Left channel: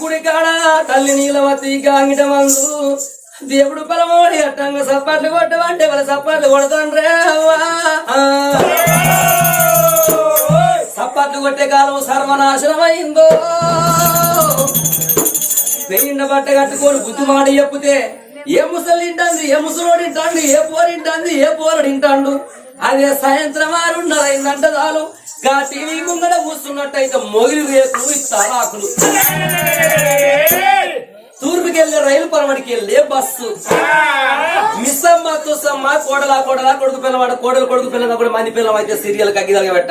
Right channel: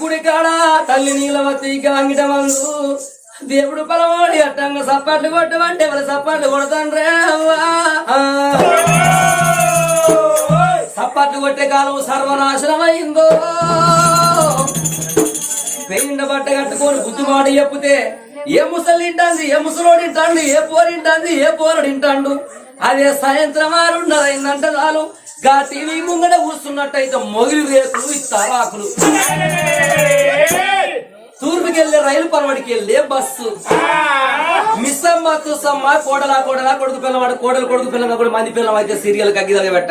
గుడి కాడ తల్లి నీలవతి గాంగిట మందు దేవుడు పలమోడి అట్టంగా సప్పట్లు కొట్టమంటే వాళ్ళ సప్పట్లు కొడతాండ్రే సప్పట్లు కొట్టే కాలం సర్వనాశనమైందో పెయిండ బట్ట కట్టుకొని బుద్ధిమాడి చెప్తే ఏ ముసలు తింటాంది ఏ ముసలోడు తింటాండు ఏ పోరు తింటాంది ఏ పోరు తింటాండు? అదే సాయంత్రం ఆరున్నర అయిందంట చాలు. గా టీవీ ముంగడ కూస్తున్నట్టయితే మొగిలి వేకులు ఇస్తారు ఆకులు? తూర్పుకెళ్ళే రైలు పరమడికి వెళ్ళే బస్సు. మిస్సమ్మ తుసమ్మ కోడల కోడల కొడుకు పిల్లవాడు కోడలు కొడుకు పిల్లగా కూడా మంది పిల్లం అయితే సీరియల్ కగ్గిదలగా పెట్ట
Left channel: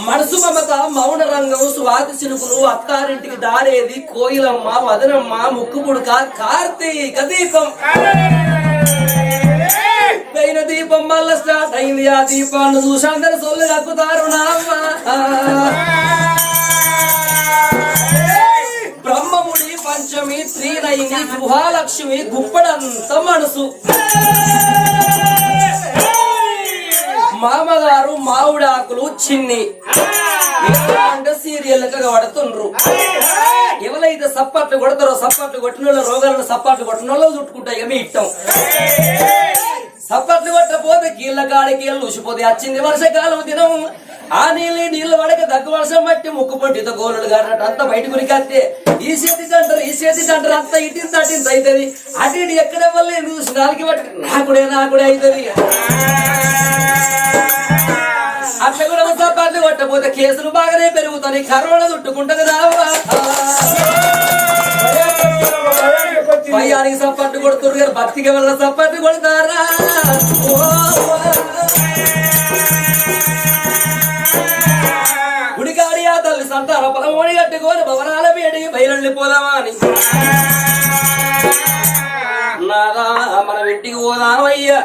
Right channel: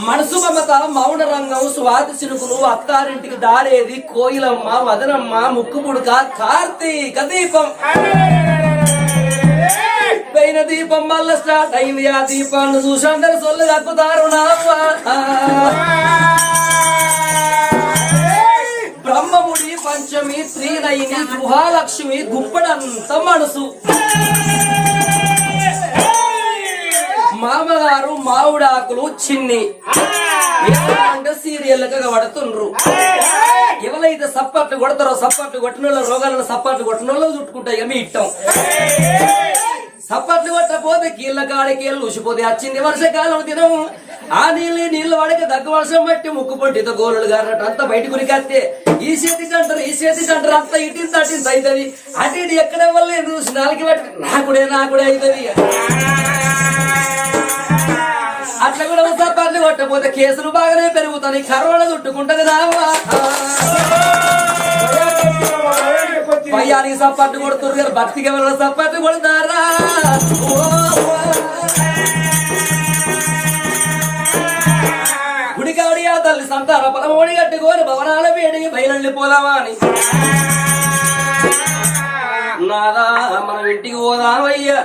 మనసు మమత మౌన రంగం స్వాతి చినుకులు అత్తారింటికి దారేది కోయిలమ్మ వదనమ్మ ముక్కు పుడక కార్తీక దీపం. దైన దీపం మళ్ళా స్టార్ట్ అయింది. ఆ దీపాన్ని చూసి అందరు సొల్లు కక్కుతారు బ్రహ్మముడి పంచమి శ్రీనయిని గుహాలక్ష్మి గుప్పడంత మనసు. మామగారు మామిడాకులు చిన్ని. సీరియల్ పడుతుండ్రు ఎవరైతే సప్పట్లు కొడతారో సప్పట్లు కొట్టిన వాళ్ళ రోగాలను సప్పట్లు కొట్టిన వాళ్ళు చుట్టుకుంటాయి మీ ఇట్టం సప్పట్లు కొట్టపోతే కీళ్ళ కాడికి వెళ్ళి ఉసిపోతే వచ్చింది వర్షకాలం దినం. ఆ నీళ్ళు నీళ్ళు వాడక దగ్గు వర్షం బట్టి ముక్కు పొట్టితో గోరులు గారినట్టు అంతా బయట గురికత్తే ఈ చేతికి అంటారు ఈ చేతికి అంటారు అంతా ఇటింత అటింత అవుతుంది. అటు ఇటు ఎక్కడ వల్ల చూసి నాలుగు బట్టి నాకుడే నాకుడే అవుతుంది అట్లా కూడా సపాట్లు కొట్టపోతే కేసులు బాగానే పెరుగుతాయి. కరోనా చుట్టుకుంటా కదా భయానికి సప్పట్టు కొడుతున్నారు గారు భక్తికి ఎవరు సప్పట్టు కొడతారా? గుడికాడి ఆ తల్లి సంతాన పదమూడి కట్టుకొని భవనాల వేడికి బయలుండి పోదామా అని. నాదా మనం ఇంటికి పోదామయ్యా.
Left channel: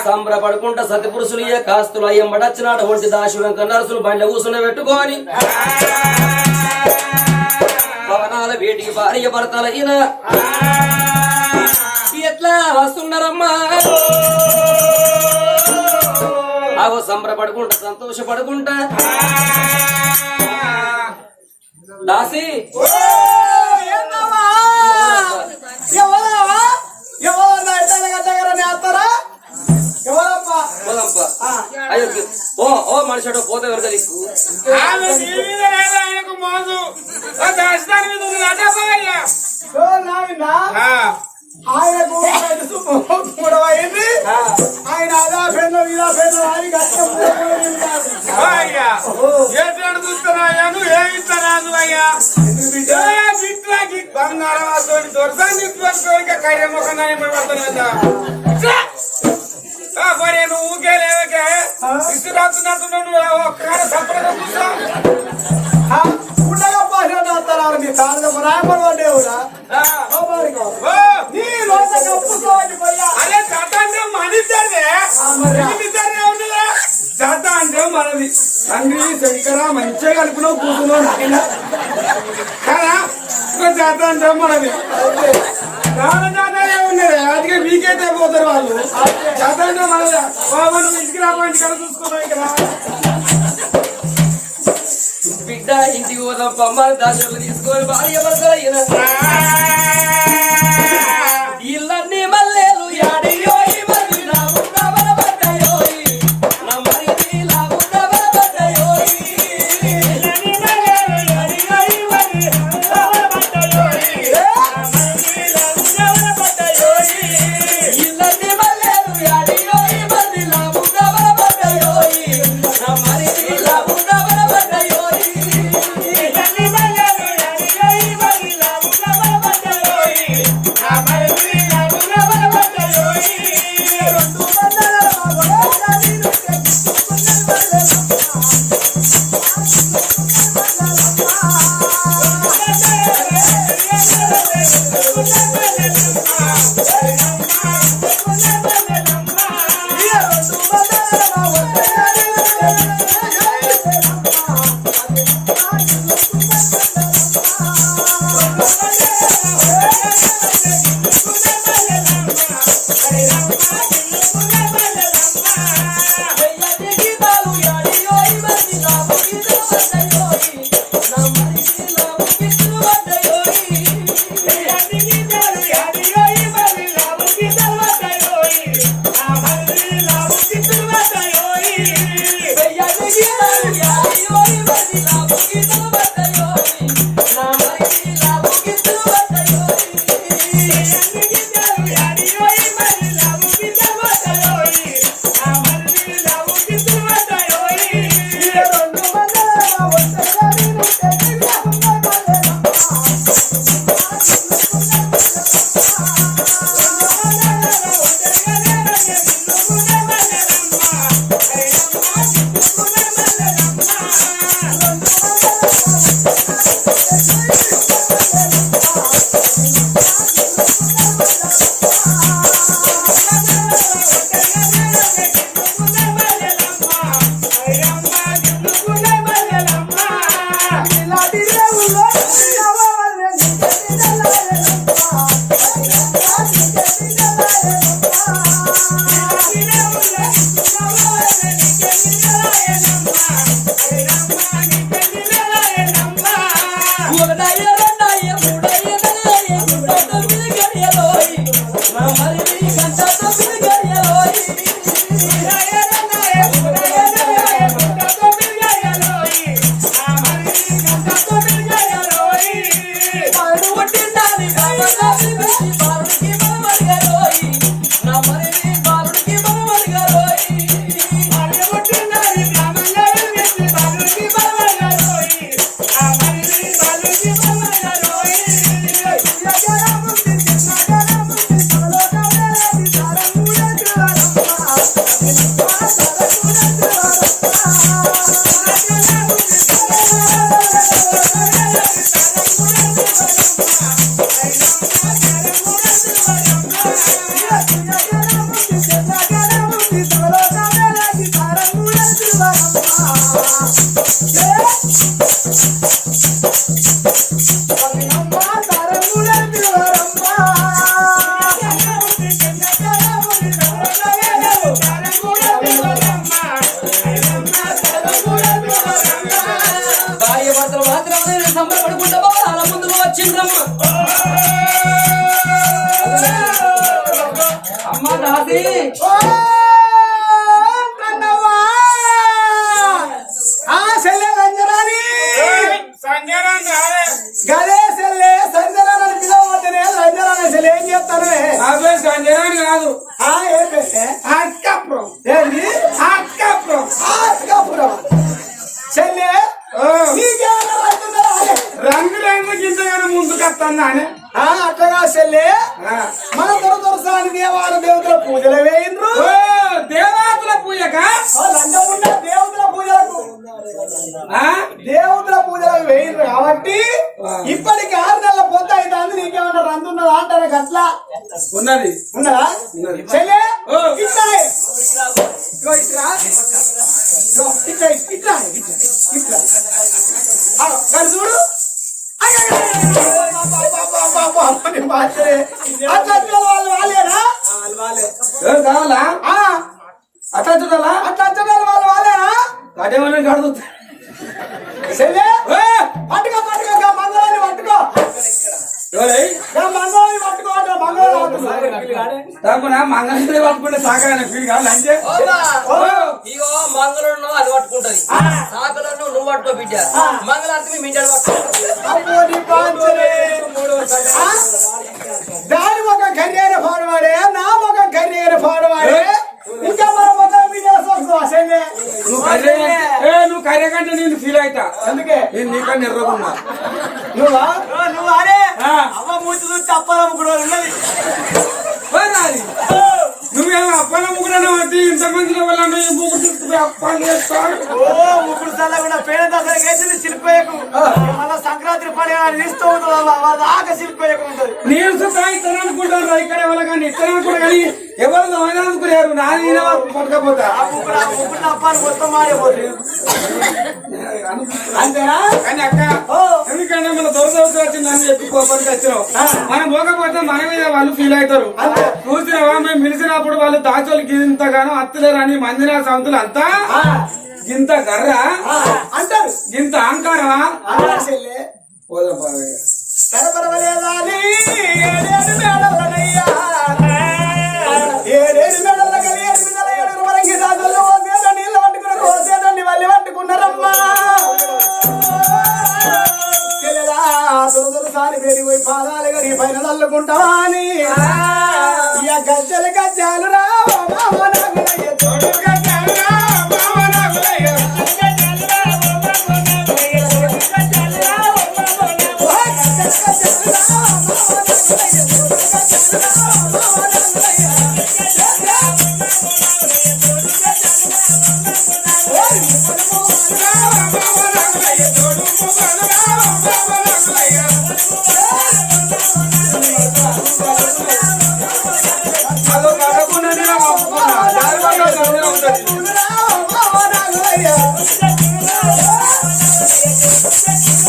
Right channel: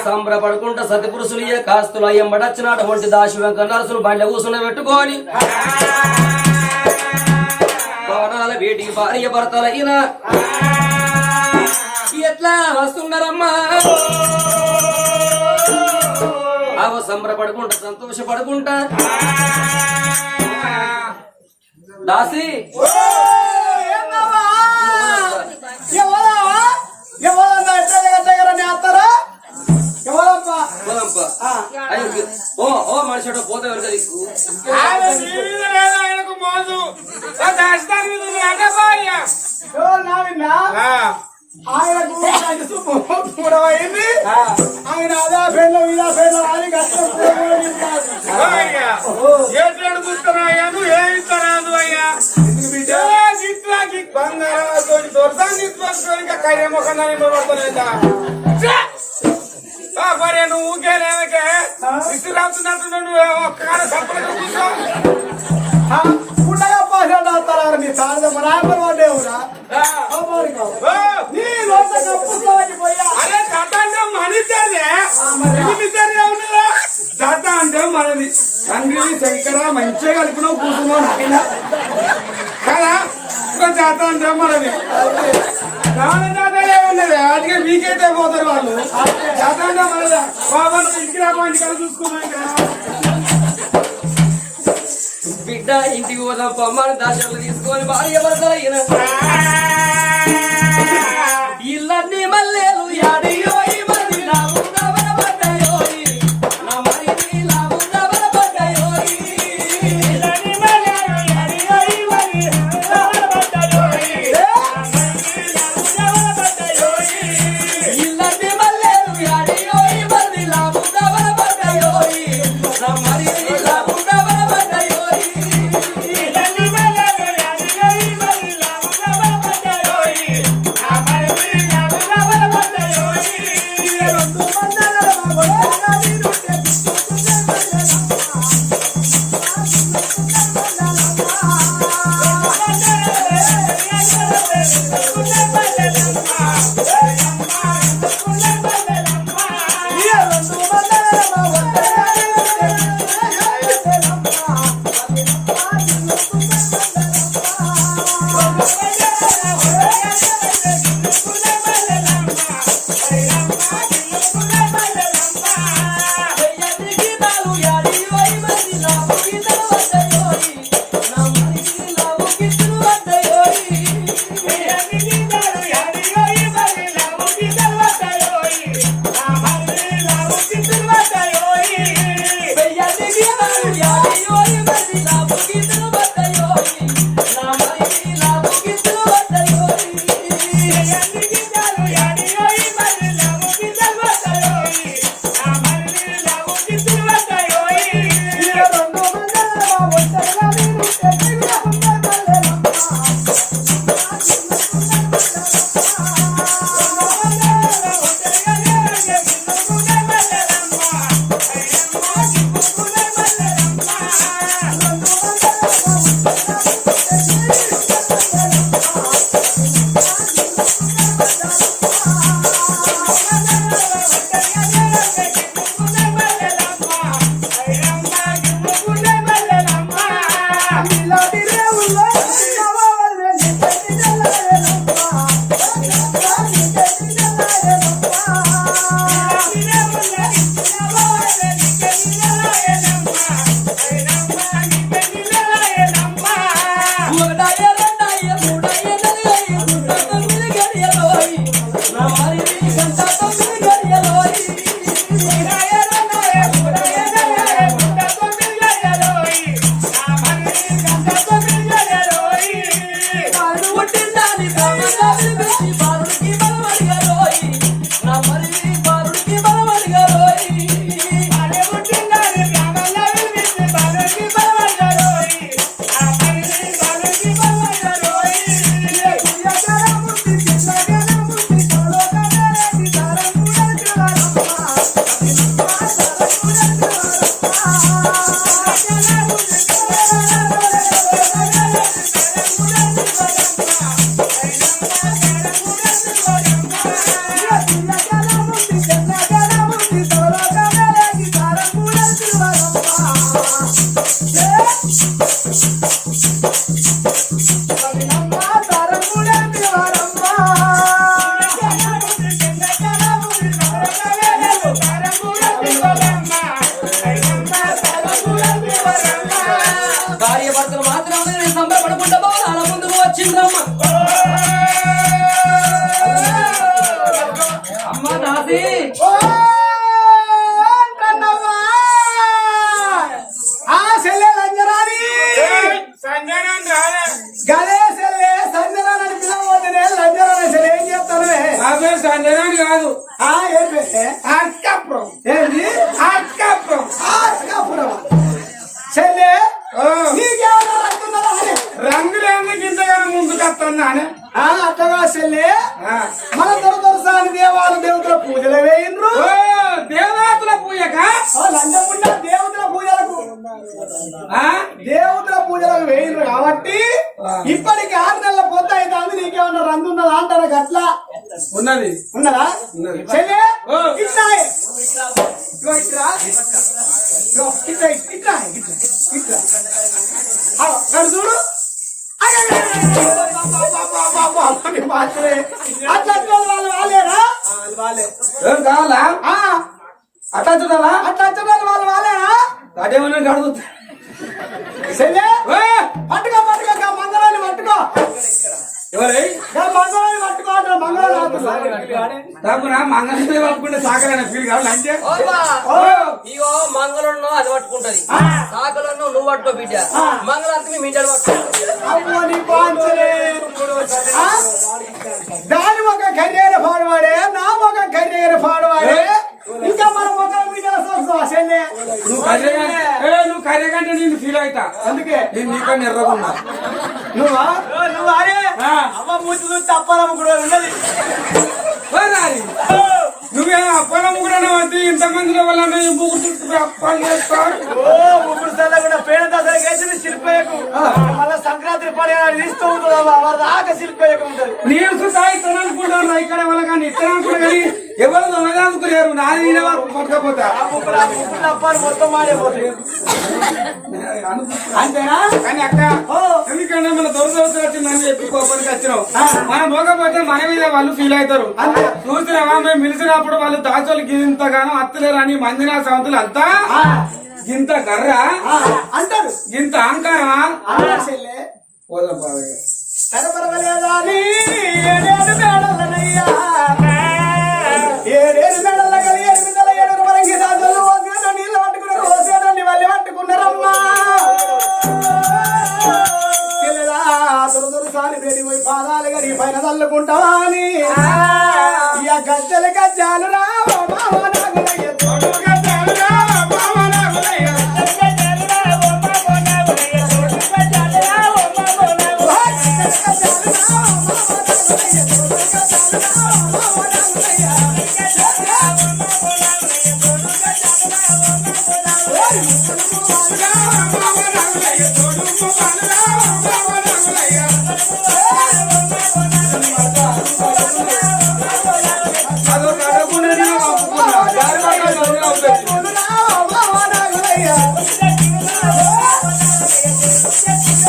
అని సంబరపడుకుంటా సతిపురుషులు ఇయ్య కాస్తులు అయ్యంబడచ్చినాడు ఒంటి వంటి వెంక నరసులు బండ కూసుని పెట్టుకొని భవనాల వేటికి భార్య భర్తలైన ఎట్లా వస్తున్నారమ్మా అవ సంబరపడుకుంటా సంతోషపడుకుంటా దాసి ఎవరా ఎవరన్నా దగ్గర నేస్తారా పోదాంపా. అయ్యో ఓ ఓ మనిషి పోతే ఎవరు ఆయనకు మూడవైంది ఆయన అని ఇస్తారాదు అయ్యా? ఏ గిట్లాకి బంగారం దొరసాన్ని కయ్య ముఖం. ఆ, మరి నువ్వు ఊరికే లేవకే? ఇసు రాస్తున్నట్టు నువ్వు ఒక్కగానే సపరేట్గా ఉండగా పాసినట్టు నీ తారద ఆ, ఓ, నీ రోజు కప్పుకోవాలి అరే జత అంటే మనిద్దరిదే మనిద్దరిదే ఉన్నదా జత అంటే మనది తండ్రి శంకర మంచిగా కలుపులో కూర్చున్నావు నాయన. కదా? జత అంటే మనది ఉన్నది అందుకే మీకైతే పోతారు వాళ్ళు. జత అంటే మనది బాబా నువ్వు ఇంటికి కదా చూసుకున్నావు ఇక్కడ. బిడ్డ ఇంటికి పోదాం పొమ్మని దాచలు తీసుకొని భార్య భర్తలైన అట్లగా సెల్లే మన దొర దొరసాని దేవాల దేవతల పూజలు వేయిండ్రు దేవాతుల పూజక? లంజముండ దేవతల పూజలకు? దేవతల పూజలకు వేయిండ్రు కాబట్టి ఇప్పటికి ఆరు నెలల పొద్దు అయితే అందు నీకేమన్నా రందున్నదా అంటారా గట్లా? ఉన్నది. ఉన్నదా. చెల్లె. ఇట్లా ఇట్లా. ఇట్లా ఇట్లా ఇట్లా చూడు. కావాలా ఆ, అట్లా చూడాలా అట్లా వచ్చేటోళ్ళు వాళ్ళు వాళ్ళేనా అదేమని కడుగుతా పట్టుకో పట్టుకో గా మంగళాన్ని పట్టుకో ఎవరై మంగళాన్ని పట్టుకో మంగళసూత్రం పట్టుకుంటే సాకగానే ఫీల్ కావాలి అంటే ఓ ఇగో మంగళను అది పట్టుకుంటది. సాకలను నువ్వు పట్టుకో బిడ్డ. మంగళార్తి మీ? దాని ఒక కర్రీర పాడవాడే నా ఒక కర్రీర పాడవాడే. ఇంకా మన ఒక మీద అసలే నువ్వు కర్రీ ఏ నువ్వు కర్రీ కంటే నేను ఫీల్ అవుతా అందుకే. నేను నీకన్నా ఎర్రకున్నా నువ్వా? నువ్వు అరే. అవ్వ మూర్తి చూస్తే అప్పాలమ్మ కూడా ఉన్నది. ముగ్గురన్నా చేస్తాడు ఓ ముగ్గురు సల్ల కూడా పేడ దసరా వేసింది శిల్పయ్యకు. మళ్ళా సంక్రాంతి పండుగ ఇస్తూ ఉంటుంది దాకా శిల్పయ్యకు ఉంటుంది. నేను సుతా ఇతను అనుకుంటాను ఇక్కడ వాళ్ళ కానీ ఇతను అనుకుంటా కానీ ఎవరు అనుకోలేరు నాది నేనే పట్టుకపోతా. ముగ్గురు ఆ ముగ్గురు అప్పాలు మొత్తం మారిపోతుంది అంతేనా? కానీ అక్క. ఎందుకంటే మన దొరదొరస వచ్చిందని చెప్పి కోపానికి వచ్చినావు మనం పోకపోతే మన మీద వాళ్ళు ఫీల్ అవుతారు. చూసినావా? మేము పిలిచినప్పుడు వాళ్ళు దాచోళ్ళకి ఇంతగానో అత్తలేరని మందిరా సంతులు అంతా? గర్ర? ఆ, అంటారు. ఇంత అహంకారమా? పోదాం బాగా ఏడేడు మేడలనయ్యా. మేడల ఎనిమిదల వరంగి ఓసేట నీళ్ళు పట్టుకున్నారమ్మా. సారి పోయి పాదాలు గడి పైన తల్లుకుంటావా అని. గజ్జల గజ్జాలు రా ఓ మామ నాగులయ్య తోడు గజ్జాలు రా ఓ Gracias.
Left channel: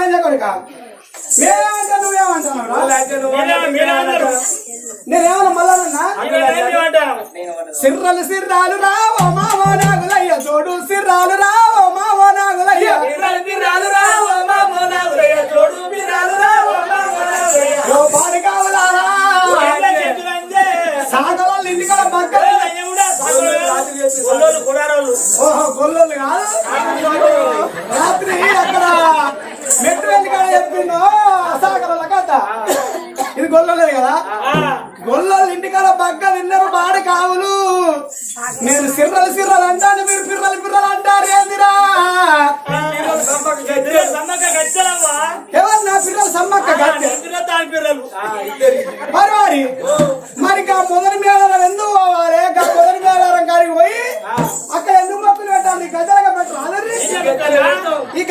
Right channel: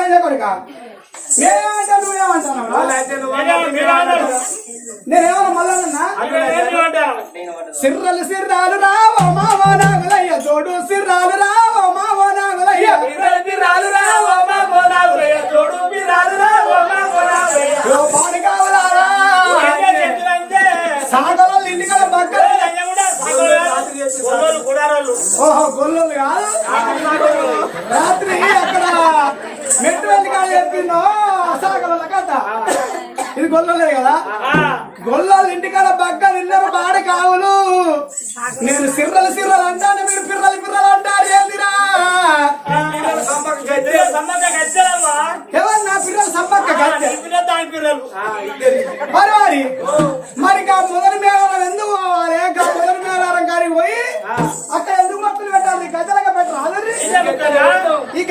లంజ కొడుక నేనేమంటా నువ్వేమంటావు నేనేమన్నా మళ్ళా సిర్రలు సిర్రాలు రావ మామ నాగులయ్య తోడు సిర్రాలు రావ గొల్లలు కాదు రాత్రి అక్కడ మెట్టు వెళ్ళికాడ చెప్పిందో సాగల కథ ఇది గొల్లలే కదా. గొల్లలు ఇంటికాడ బగ్గ తిన్నారు బాడి కావులు. నేను సిర్రలు సిర్రలు అంటాను. ఎవరు నా పిల్లలు సమ్మక్క కట్టె మరి మరి మరి గా మొదటి మేళారం ఎందుకు పోవాలి గా మొదటి మేళారం కాడికి పోయి అక్కడ ఎందుకు మొక్కలు పెట్టాలి? ఈ పెట్టరు? అదర్రి. ఈ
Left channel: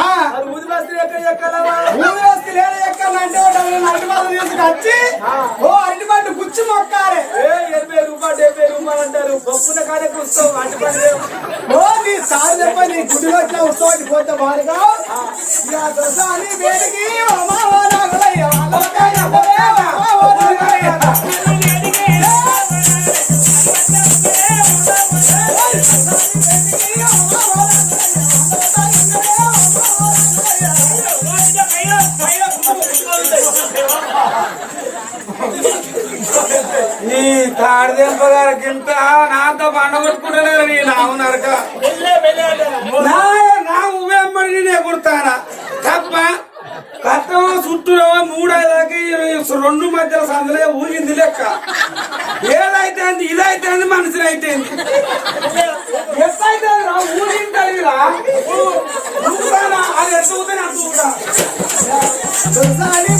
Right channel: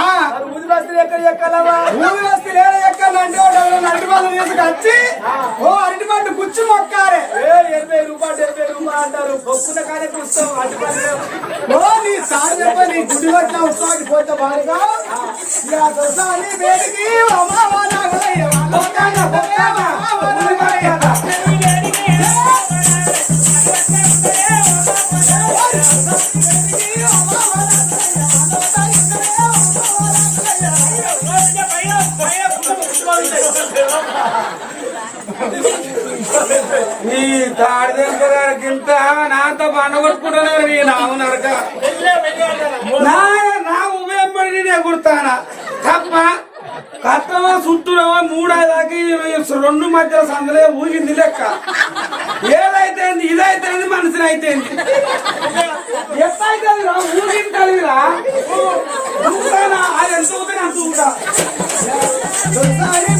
ఆ, ఊరి వస్తువులు ఏడ ఎక్కాలంటే ఒకళ్ళు అరటి వాళ్ళు తీసుకొచ్చి ఓ అరటి పండు గుచ్చి మొక్కాలి. ఓ నీ సార్ చెప్ప ఉత్సవానికి పోతే బాడుగా ఇక దొరసాని వేడికి అమ్మ నాగలయ్య ఏదైతే ఇదైతే మనిషిని అయితే ఎంత ఊగినా అంటూ ఉంటా దొరసాని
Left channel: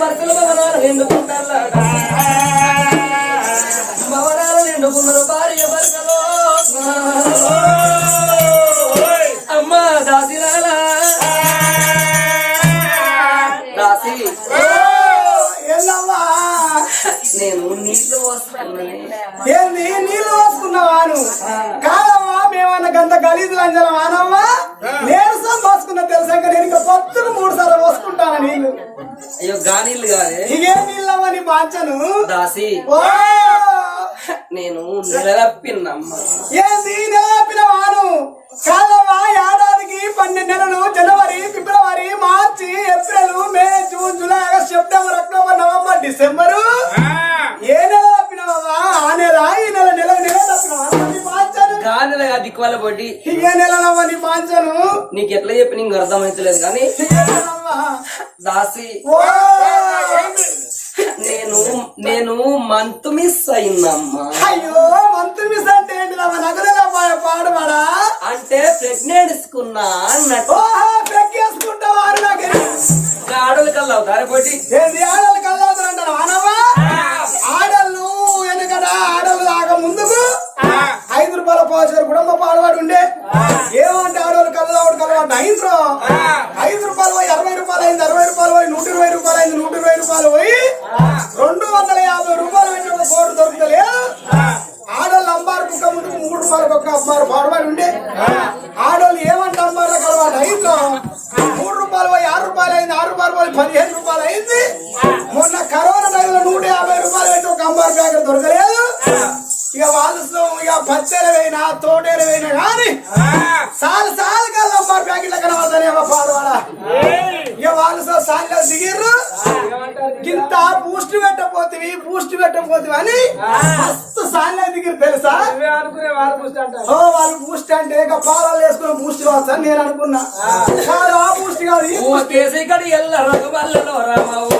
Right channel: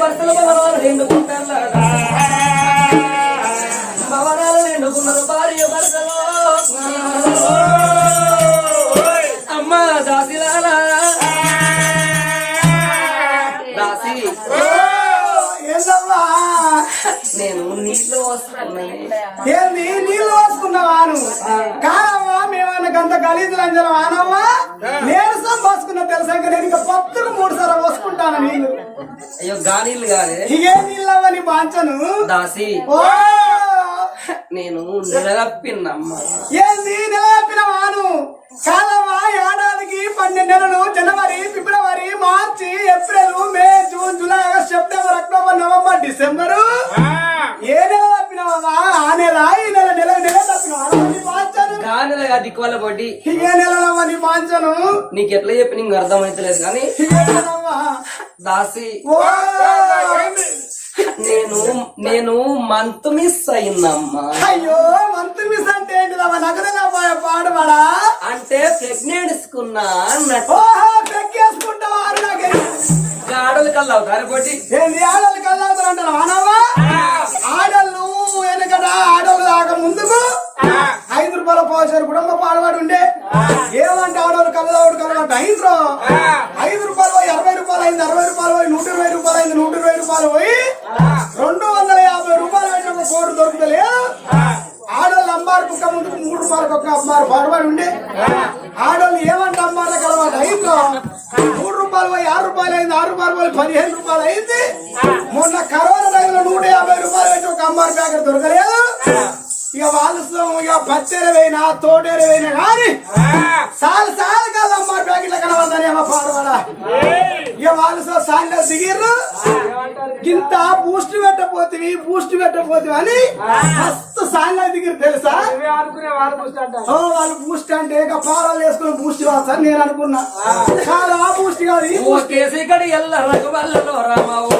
భర్తల భవనాలు నిండుకుంటారు భవనాలు నిండుకున్నారు భార్య భర్తలు అమ్మా దాసిలాలా. దాసి. నేను నీళ్ళు వస్తున్నాను. ఏంది? కాదమ్మా మేమన్నా గంత గలీజు లంజలం ఆనమ్మా నీరసం పోసుకున్నా తెలుసా? ఇంకా నేను ఇంకా పొత్తుకు మూడు సార్లు పోసుకుంటాను నీళ్ళు అయ్యో గానీళ్ళు కాదే? ఇకేం నీళ్ళమ్మా నీ పాంచను దాసి. ఓ! నేను నిలదప్పిన్నమ్మ ఏంది వాను? కాదమ్మా ఏడాదికి పన్నెండు నెలలు జనవరి ఫిబ్రవరి మార్చి April May June July August September October November December. పడి ఇకే నెలలమ్మా నీ పాంచను నీకు ఎట్లా చెప్పి నీకు అర్థమైతలేదు కానీ దాసి నేను నేను మంత్ మిస్ అయిందమ్మా అయ్యో మంత్ మిస్ అంటే ఏంటిదమ్మా తెలియపోయా పాడబడా అంటే ప్రెగ్నెంట్స్కున్నా అన్నట్టు. ఓహో పెక్కేసుకుంటావారు నాకు ఆడలు కల్లా అవుతారు పోటీ? ఏంది ఆడలు కళ్ళవుతారు అంటారు వానవా ఆడళ్ళు వెనకట ఆడలు దాకా ముందుకు. ఐదు రూపాయల పోసారు కుటుంబ పాడవాడు ఉండే. ఏమంటే కళ్ళవాడు కళ్ళవాడు అయింద్రో ఐదు వాళ్ళు బూస్ట్ అంటే ఇక పాలాలు వేసుకుని బూస్ట్ కావచ్చు అని నేను అనుకున్నా. కాదు ఆ బూస్ట్ కాదు. ఈ ఓ కేసి కడి ఎల్ల రఘుమల్లలో రామ ఓ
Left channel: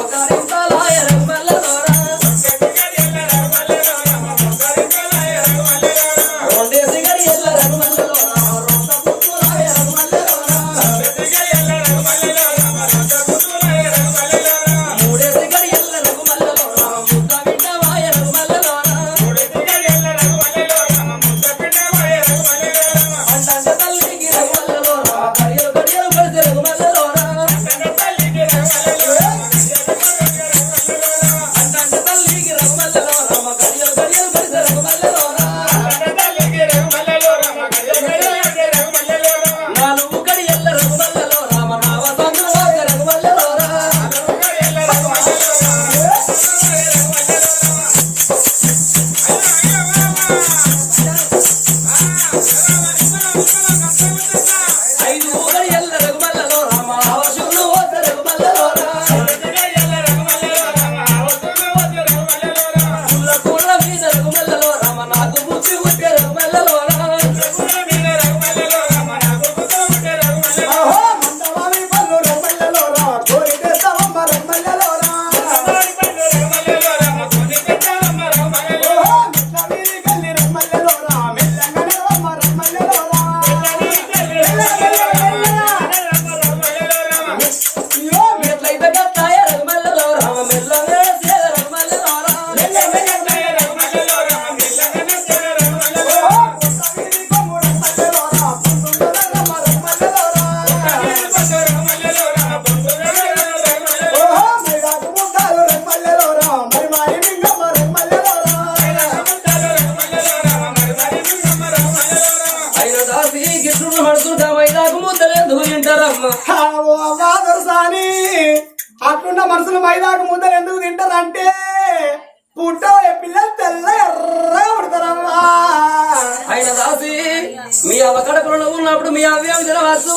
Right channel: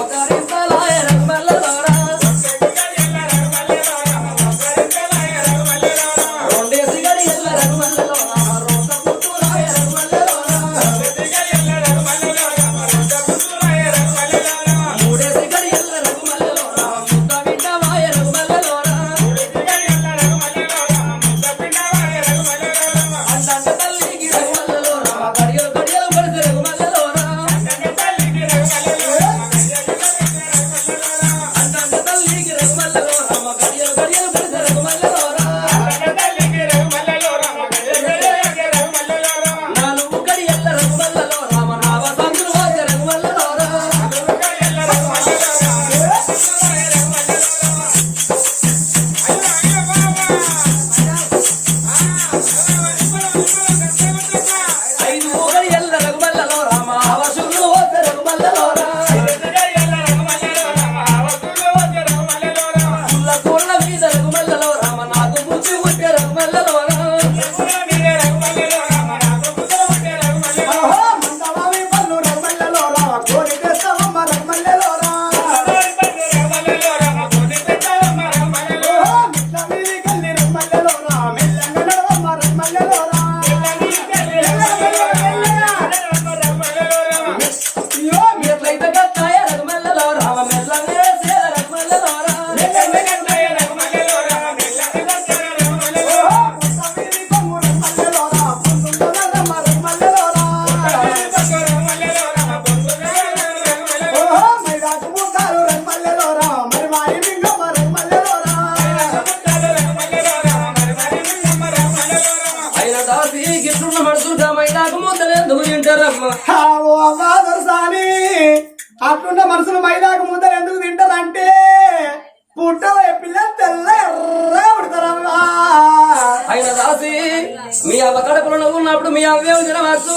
మీ అవ్వ కడుపులో ఉన్నప్పుడు మీ అవ్వేం తినవచ్చు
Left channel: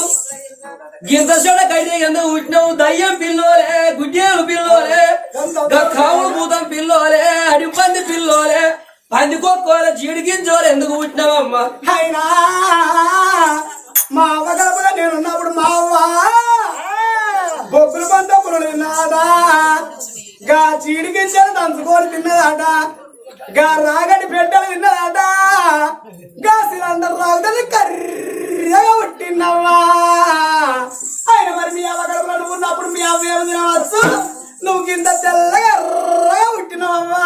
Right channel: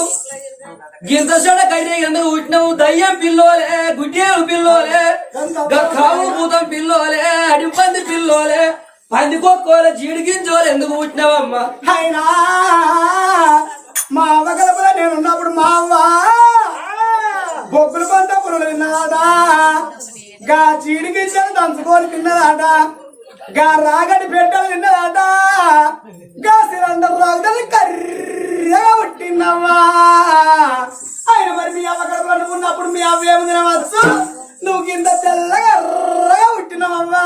గింత చెడ కైతే ఎందుకు పుట్టినావు దయ్యం పిల్లోలే గుడ్డేలు పిల్లోలే గక్కావు భూతం పిల్లోలే అడిపంది పిల్లోలే పంది కొక్కోలే జీడిగించోలే ఎందుకు పుట్టినావమ్మా అయినా మా అవ్వ కడుపులో నేనున్నప్పుడు మా అవ్వ బొగ్గులు పంట పురుడు తిన్నదా గా చీడికించాను దంచుకొని తిన్నదాట. గా రాగడి బిడ్డలు తిన్నదాట గా సిలిండర్ రాగుదని కర్రగా పుట్టినవ్వా ఆయన మరి మీ అవ్వ కడుపులో ఉన్నప్పుడు మీ అవ్వ ఏమి తినవచ్చు నువ్వు కింద తెల్లగా ఎర్రగా పుట్టినవమ్మా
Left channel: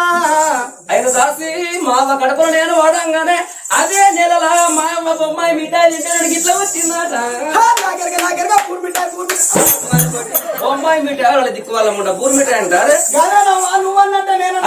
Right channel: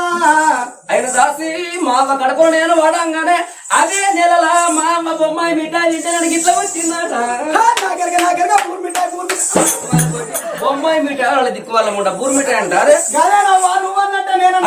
ఆయన దాసి మా అవ్వ కడుపులో నేను వాడంగానే అదే నెలలా మా అమ్మ బొమ్మాయి మిఠాయి తింటానికి ఇట్లా వచ్చిందట నాకెరగా నాకెరగా పూర్ మిఠాయి పూర్ బొమ్మాయి మిఠాయి వాళ్ళ దిక్కు వాళ్ళ ముంట బూరి మిఠాయి అంటారు నువ్వు అన్నట్టే నేను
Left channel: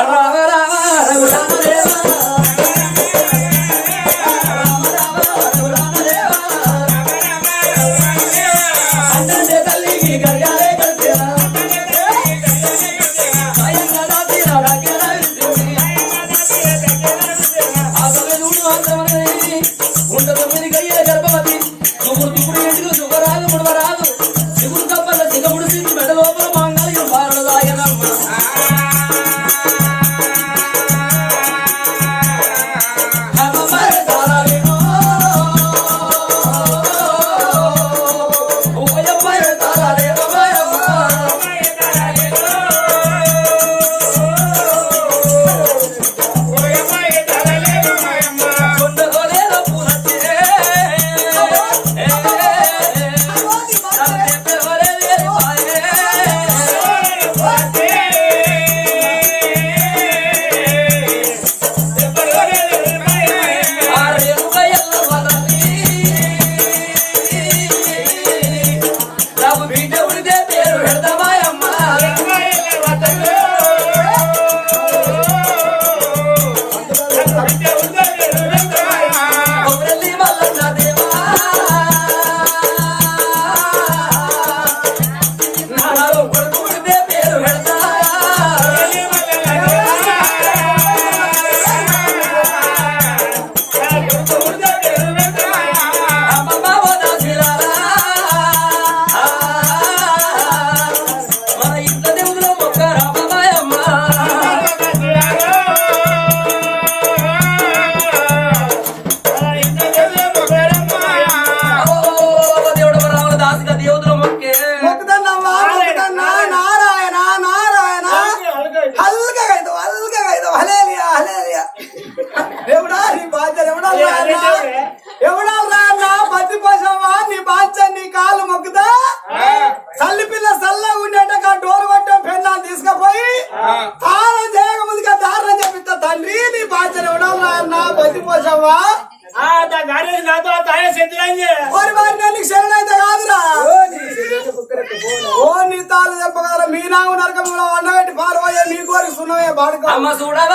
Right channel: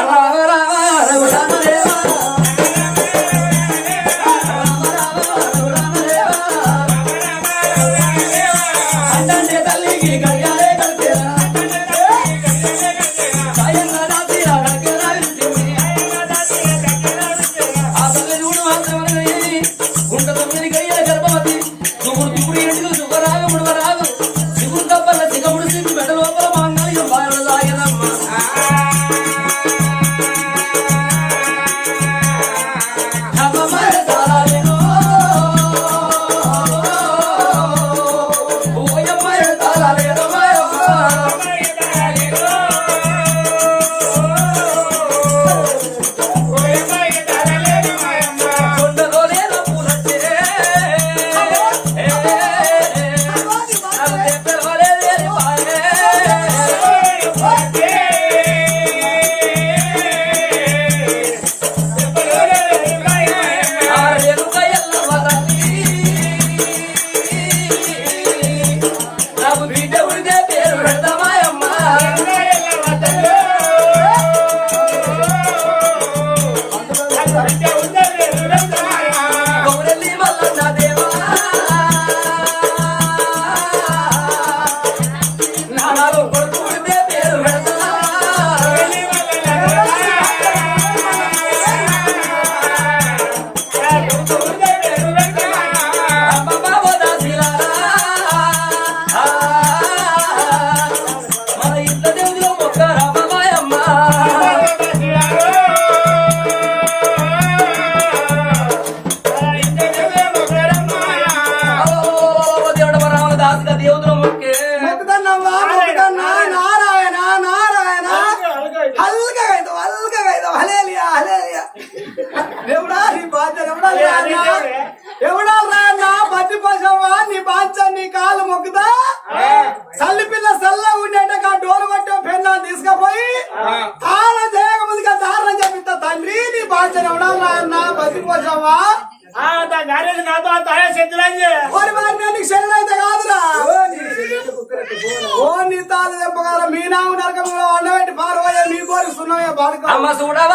basura,